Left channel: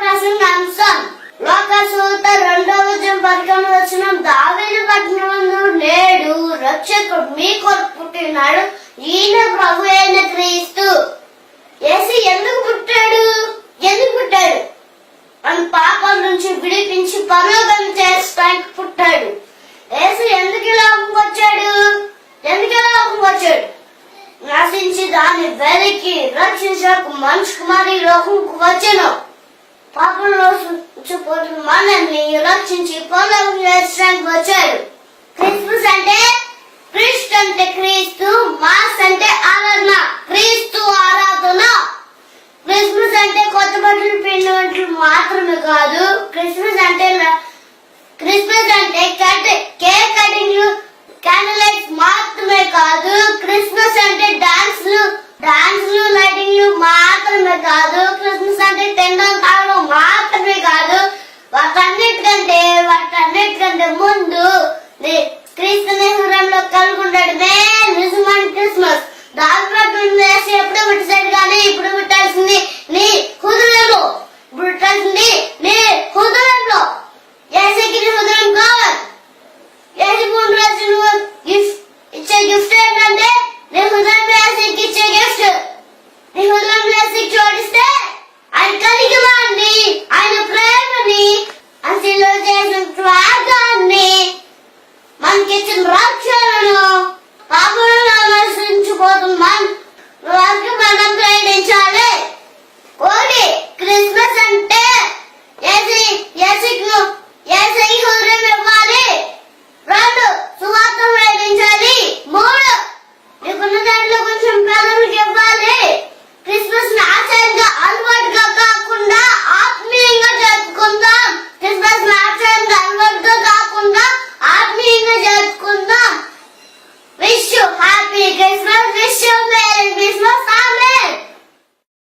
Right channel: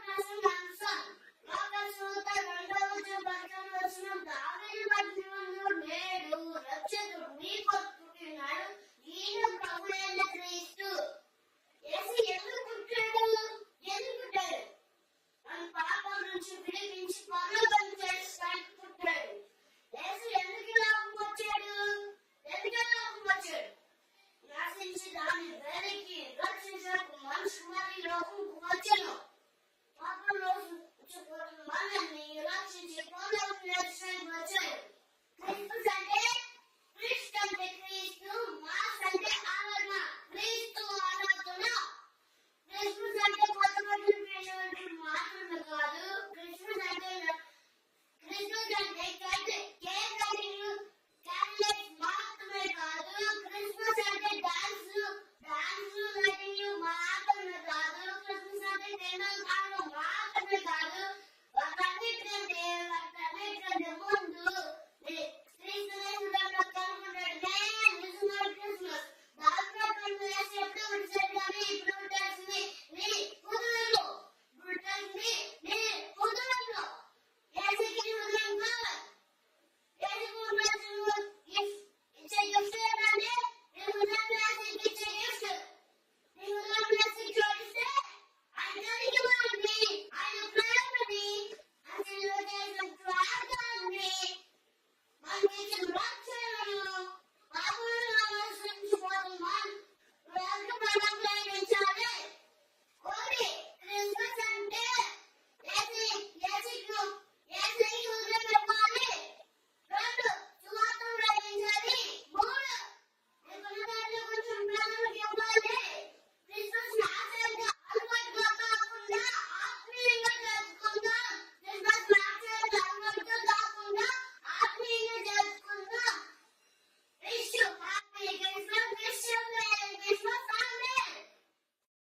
ప్రసంగాంశం లోకసూత 2:11 దావీదు పట్టణమందు నేడు రక్షకుడు మీ కొరకు పుట్టినాడు, ఈయన ప్రభు అయిన క్రీస్తు. యేసు ఎందుకు పుట్టాడు? మన పాపం నుంచి విడిపించి పరలోకం చేస్తానికి పుట్టాడు. యేసు ఎందుకు ఈ లోకంకి వచ్చాడు? నశించి దాన్ని వెలికి రక్షించకు మనిషి కుమారి లోకంకు వచ్చెను. పాపంలో పోతున్న మనల్ని రక్షించి పరలోకం చేస్తానికి వచ్చాడు. క్రిస్మస్ అంటే క్రీస్తు, మాస్ అంటే ఆరాధన, క్రీస్తు ఆరాధన. క్రిస్మస్ అంటే కొత్త బట్టలు పిండి మాత్రమే కాదు. క్రిస్మస్ అంటే కేక్ కటింగ్, క్యాండిల్ లైట్స్ మాత్రమే కాదు. క్రిస్మస్ అంటే డాన్స్లు, లైటింగ్లు మాత్రమే కాదు. క్రిస్మస్ అంటే తినడం తాగడం మాత్రమే కాదు. వాటన్నిటికంటే ముందు క్రీస్తుని హృదయంలో కలిగి ఉండడమే నిజమైన క్రిస్మస్. దాదాపు ఎప్పుడో పుట్టాడు కానీ ఇప్పుడు పుట్టాల్సింది నీ హృదయంలో. యేసుకి నీ హృదయం కావాలి. ఇచ్చే గిఫ్ట్ ఏంటంటే నీ హృదయం యేసుకి ఇచ్చే గిఫ్ట్. నీ హృదయం యేసుకి జోడిస్తే ఆయన కలిగివాన్ని, ఆయన ప్రేమని, అసలు చేసిన త్యాగాన్ని, మనకిచ్చిన రక్షణను పాపంలో నశించిపోతున్న వారికి మన